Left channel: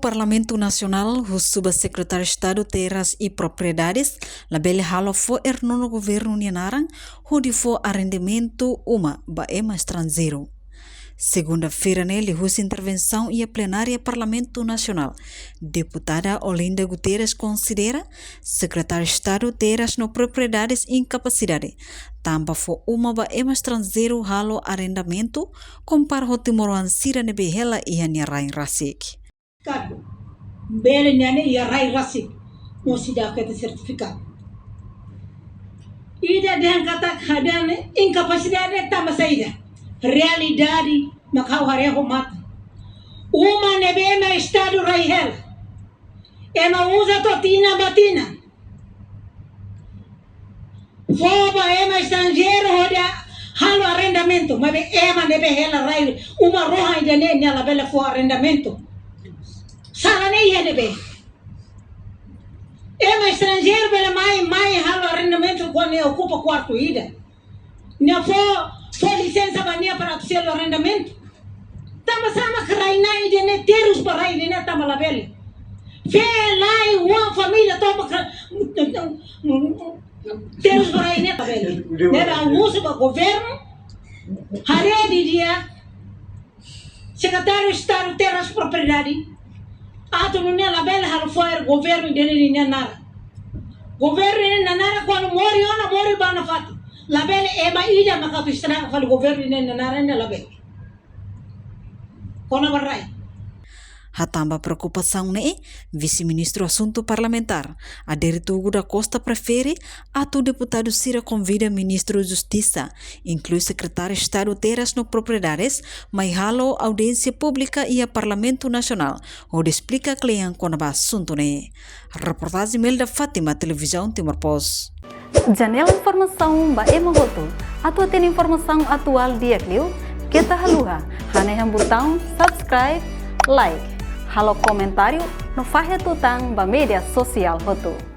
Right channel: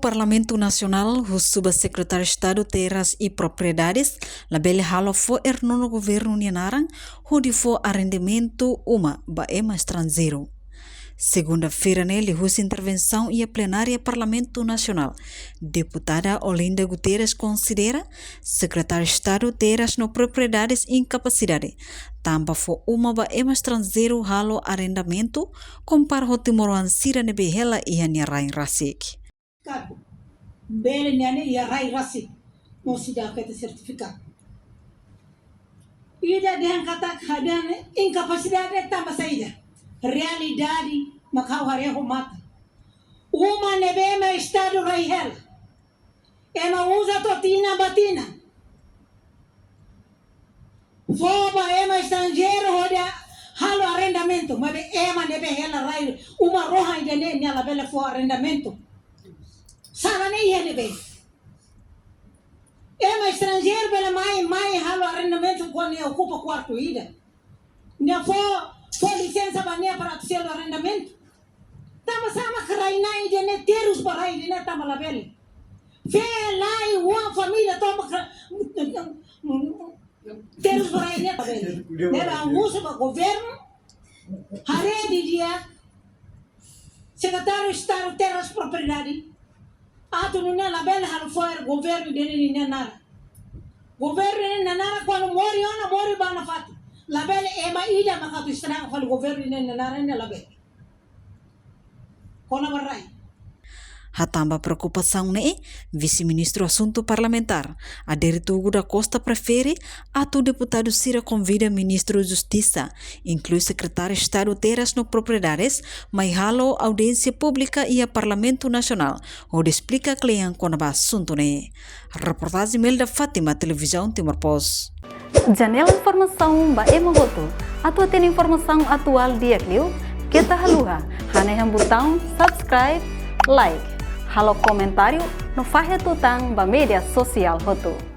Parlamento Nacional, o subsecretário de Estado Terras e Propriedades, labele halo fo no governo Nianarang, onde for arrendamento uma baema estrangeiro. Segunda-feira, nele, houve intervenção e a plenária Parlamento Nacional. Deputada Olinda Guterres considera secretário de Estado Terras no Propriedades e Incapacidade. Tamba for uma baema estrangeiro halo arrendamento, compara o Timoruan Sira Nebehela e Haniarai Rasik. Bere nane ya rai rasik mo sida kata sertifikat ida dan kata kadane incapacidade tama saída realidade macau hareho mata uma nebema estado raihel ema usa totina batina foba ema estrangeiro roda halo arrendamento mas ema nebehela rai uma roha ida ne ela bela for arrendamento Sara nem ia bem. É uma estrangeiro pela mãe halo arrendamento quando ocupa quarto ida. Não for licença mania para o seu arrendamento. Tama sama karaina ida ne terus para ida ne tama labele. Fe lá uma família toma terus para ida labele. Neba almoço para governo. Hare dia secretário de Estado Terras e Propriedade. Ato não é labela halo foi governo dele nem nada. Governo nem nada quando mori ona mori bana fatu. Labela é mais ilha macatu estraga falo governo nem nada nem labela. Quando vai Hatamba preocupação né? Vice-ministro Assunto Parlamentar, Adérito Hugo da Costa prefere, ato deputado Cira convida ministro da Justiça, inclui secretário de Estado Terras no Propriedades, mas halo audiência pública e a Parlamento Nacional, onde explica cliente quando vai assunto né? Reportagem Melda Fátima, Televisão Timor Post. Janela informação ba emogoto, atua tem informação atual dia clio, kita haluha, haneham botão subscribe, like. Halo comentário no Fahia Tutang ba media sosial hotu.